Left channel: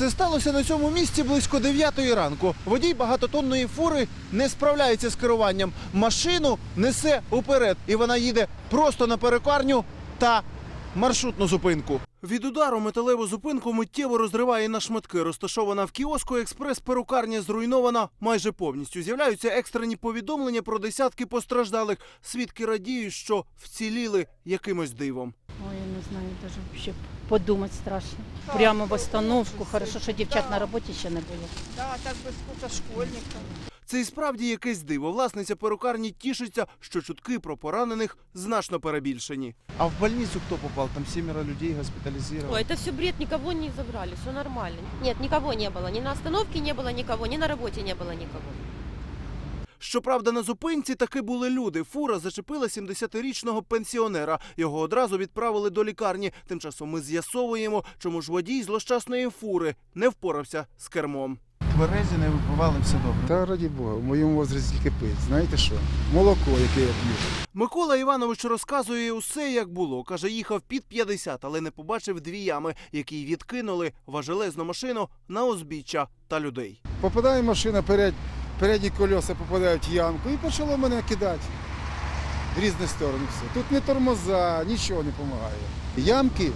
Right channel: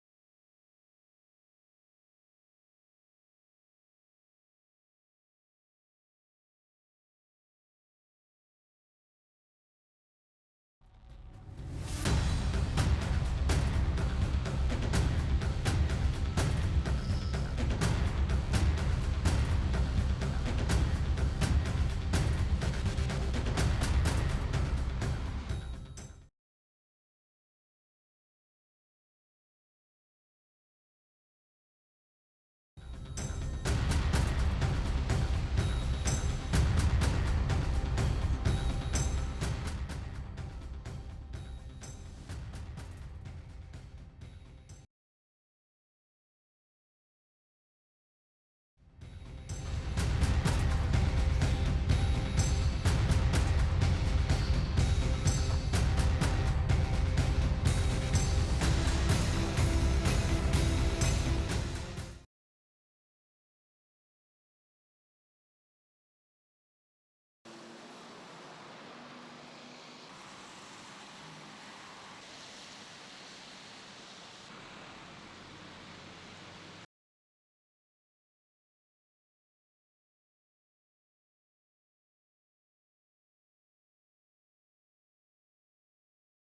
Все сталося на цьому місці близько 9 ранку. Водій багатотонної фури не справляється з керуванням. Машину несе уперед, і вона їде просто на перекарню та маршрутну зупинку. Від удару металеву зупинку миттєво розриває на шматки. Розташована в кіоску експрес-перукарня зруйнована майже повністю. З'являються екстрені повідомлення про десятки постраждалих. Свідки радіють, що вціліли якимось дивом Ой, я не знаю, даже вообще подумать страшно. Прямо в остановку. Хорошо, що дівчат на роботі ще не було. Да, так би скута школьників. Це і справді якесь диво. Власниця перукарні тішиться, що чутки про поранених значно перебільшені. А в больницю хто попав? Там сімеро людей госпіталізували. Ой, это все бред, никого не забрали, все нормально. Нет, никого не было, ни на остановке не было никого, ни на работе не было никого. Щоправда, на зупинці таки були люди. Фура зачепила 70-річного пенсіонера. Його одразу відправили до лікарні. Тим часом ми з'ясовуємо, чому ж водій злощасної фури не впорався з кермом. Березі не випивали все добре. Та раді Бога, в моєму возрасті тільки пить. Знаєте що? Молоко, яке я п'ю. Микола Іванович розказує усе, як було. Каже, їхав під 50, але не побачив дві ями, які відкинули важелезну машину на узбіччя та людей. Попадає машина, перед, передні колеса попадають в ямку і почало мене кидати в різні сторони. Все. Тут не тормоза, нічого не допомагає. Ямки,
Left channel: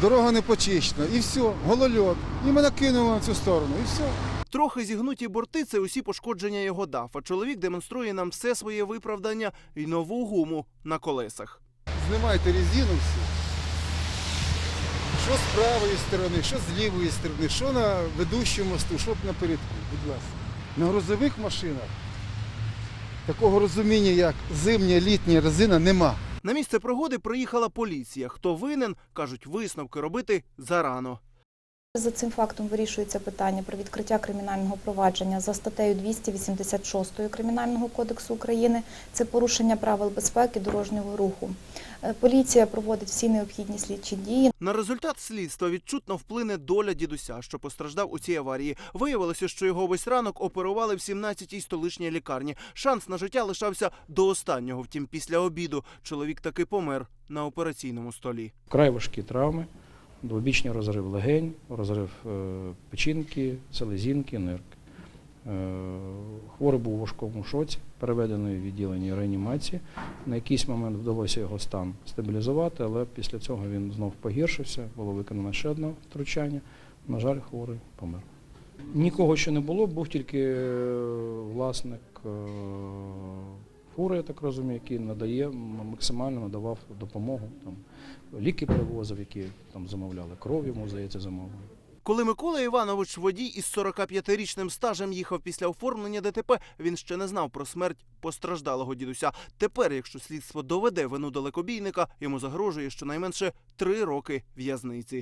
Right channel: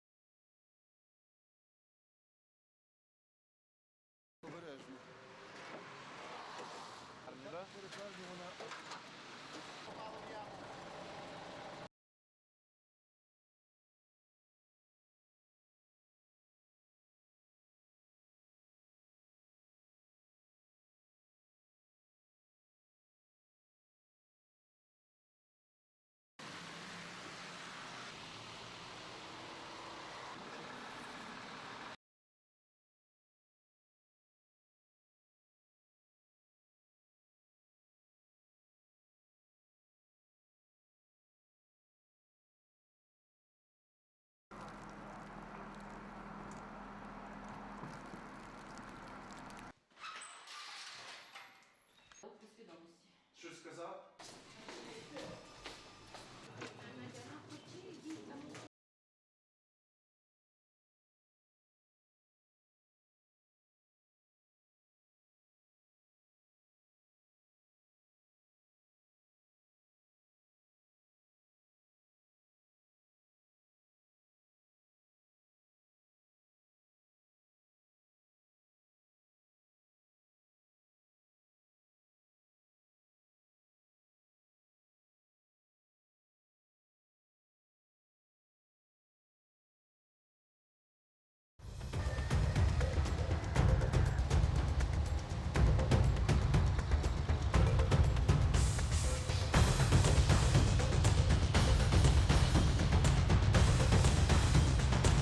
дорога не почищена, і все, голольот. І мене кинуло на цю сторону, і все. Трохи зігнуті борти це усі пошкодження його дафа. Чоловік демонструє нам все своє виправдання і нову гуму на колесах. Знімайте резину всю. Що з правої сторони, що з лівої сторони, що на ведущому мосту, що напередку, будь ласка. На грузових машинах такого розуміння, як зимня, літня резина, нема. На місце пригоди приїхала поліція. Хто винен, кажуть, висновки робити зарано. За цим фактом вирішується питання про відкриття кримінального провадження за статтею 286 Кримінального кодексу України. Це порушення правил безпеки дорожнього руху. Е, Поліція проводить всі необхідні слідчі дії. На результат слідства відчутно вплине доля дідуся, що постраждав у цій аварії. Виявилося, що його весь ранок оперували в 17-й столичній лікарні. Шанс на життя лишався до останнього. Втім, після обіду чоловік таки помер на операційному столі. Вкрай важкі травми, двобічний розрив легень, розрив е, печінки, селезінки, нирки. Е, Хворий був у важкому шоці, переведений в відділення реанімації. На якийсь момент вдалося його стан стабілізувати, але після цього він знов погіршився, було виконано ще одне втручання. На жаль, хворий помер. Нікого ще не було, був тільки е, власник фури, я так розумію, який надає, максимально надавав допомогу. Там, ліки привозив, які там замовляли, кров йому, здається, замовили. Коли Микола Іванович, водій із 45-річним стажем, їхав після оформлення ДТП, він ще не знав про смерть постраждалого дідуся. Тепер, якщо слідство доведе вину далекобійника, йому загрожує щонайменше три роки в'язниці.